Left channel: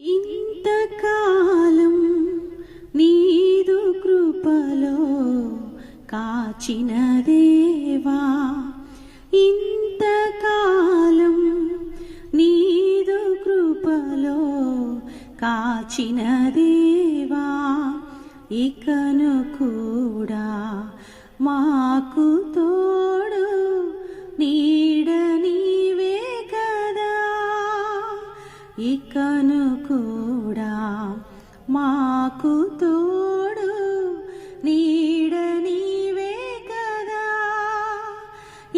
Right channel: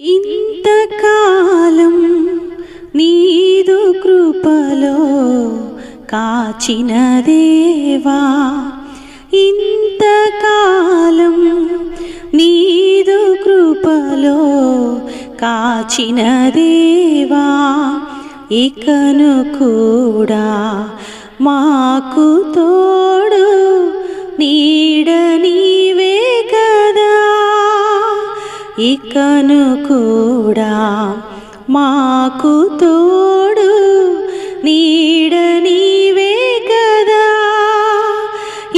ఇంతకాలం నీదు కృపలో కాచిన దేవా, ఇంతకాలం నీదు కృపలో కాచిన దేవా, ఇకను కూడా మాకు తోడు నీడ నీవే కదా, ఇకను కూడా మాకు తోడు నీడ నీవే కదా.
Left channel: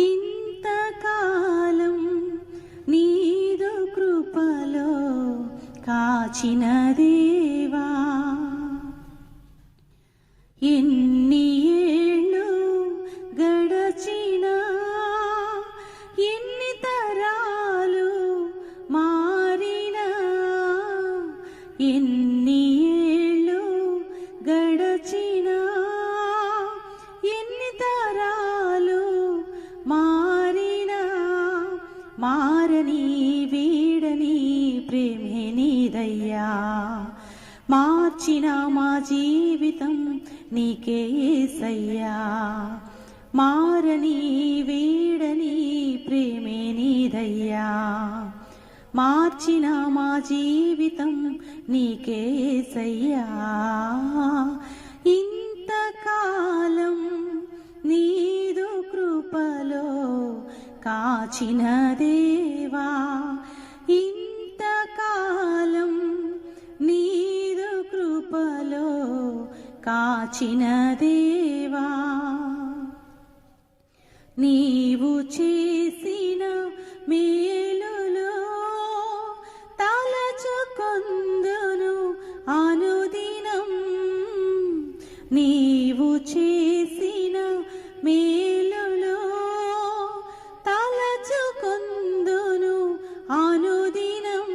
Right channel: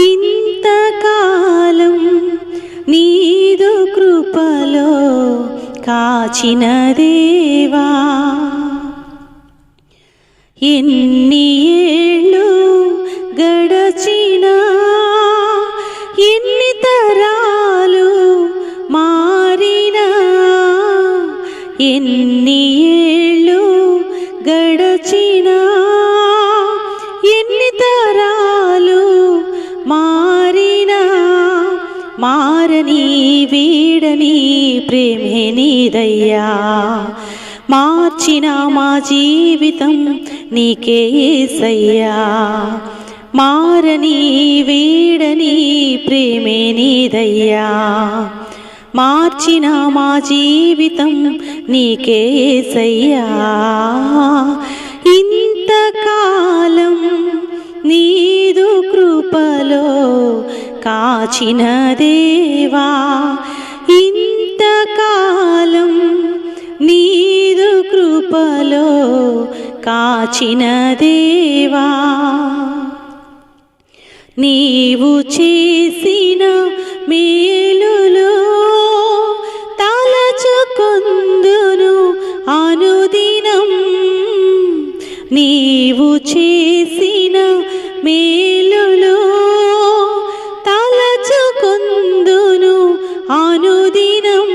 ఇంతకాలం నీదు కృపలో కాచిన దేవా, ఎన్ని ఏళ్ళు గడచినా, ఎన్ని తరాలు మారినా, ఎన్ని ఏళ్ళు గడచినా, ఎన్ని తరాలు మారినా, మారని వీడని ప్రేమే నీదయ్యా. మార్చిన మా జీవితం నీకే యేసయ్యా, మారని వీడని ప్రేమే నీదయ్యా. మార్చిన మా జీవితం నీకే యేసయ్యా. ఇంతకాలం నీదు కృపలో కాచిన దేవా, ఇంతకాలం నీదు కృపలో కాచిన దేవా, నీవు చేసిన మేలులో తలచుకొందును అనుదినం, నీవు చేసిన మేలులో తలచుకొందును అనుదినం.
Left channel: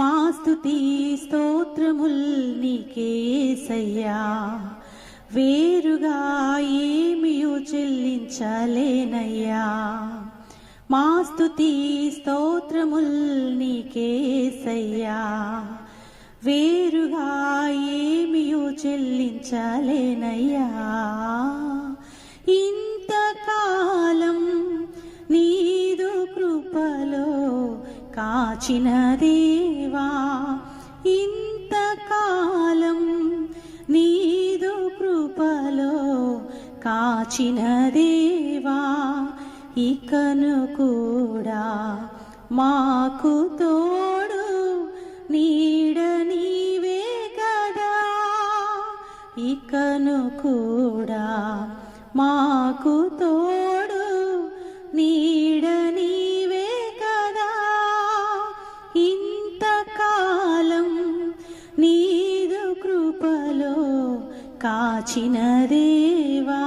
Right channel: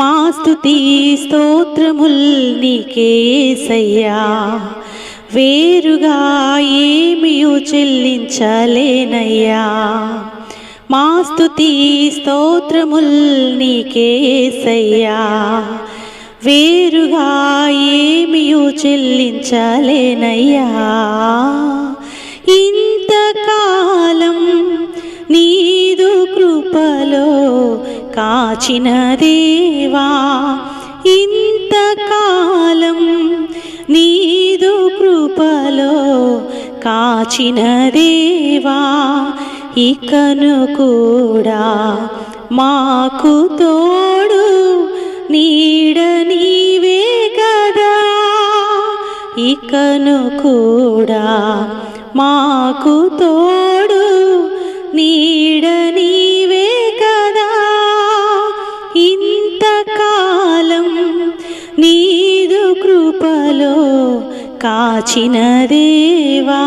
మా స్తుతి స్తోత్రముల్ నీకే యేసయ్యా, వేరుగా ఏమియు చెల్లించలేనయ్యా. మా స్తుతి స్తోత్రముల్ నీకే యేసయ్యా, వేరుగా ఏమియు చెల్లించలేనయ్యా. ఇంతకాలం నీదు కృపలో కాచిన దేవా, ఇంతకాలం నీదు కృపలో కాచిన దేవా, ఇకను కూడా మాకు తోడు నీడ నీవే కదా, ఇకను కూడా మాకు తోడు నీడ నీవే కదా. ఇంతకాలం నీదు కృపలో కాచిన దేవా.